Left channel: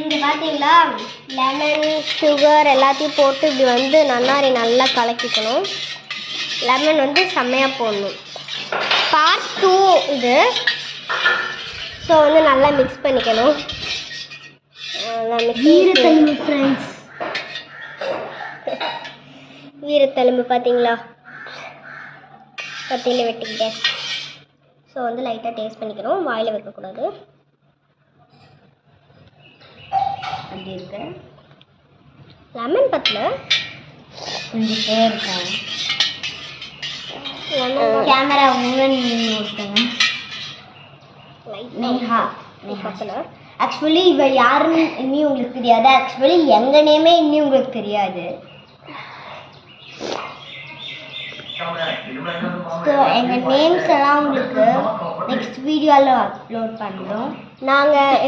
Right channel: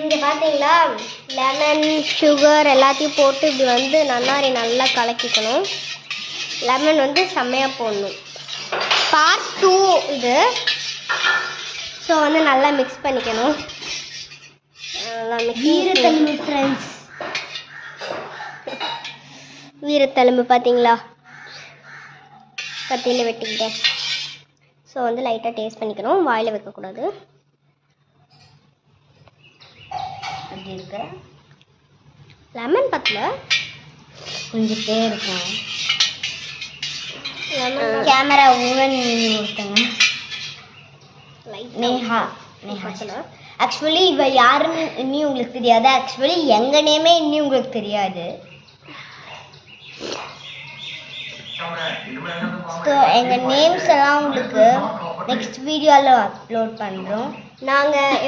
இங்கே பார்த்தீங்களா lemon sugar எல்லாத்தையும் போட்டு இப்படி வந்து நன்னாரி நல்லா கலக்கிக்கணும். லெமன் வந்து செம்மையாக போடணும். பார்ட் 2 இது. ஸோ வந்து நல்லா மிக்ஸ் பண்ணிக்கணும். நல்லா வீரத்தெலும்பு ஃப்ரெண்ட்ஸ், வீரத்தெலும்பு பார்த்தீங்களா கத்தியில் வெட்டிக்கிட்டேன். ஸோ வந்து லைட்டாக டேஸ்ட் பண்ணிக்கணும், வாயில் வைக்கக்கூடாது. அப்படி இருக்க லெமன் பத்தில் கொஞ்சம் இருக்காங்க. கேமரா ஓவன் ஒருத்தங்க நேஹா பத்தில். ஆக்சுவலி இவ யாருன்னு இன்னும் உங்களுக்கு தெரியாது. ஆக்சுவலி எங்கள் நேமே இன்னும் உங்களுக்கு தெரியாது. ஸோ எங்கள் நேம்ஸ் எல்லாம் உங்களுக்கு நெக்ஸ்ட் வீடியோவில் அப்லோட் பண்ணுறோம். நாங்கள்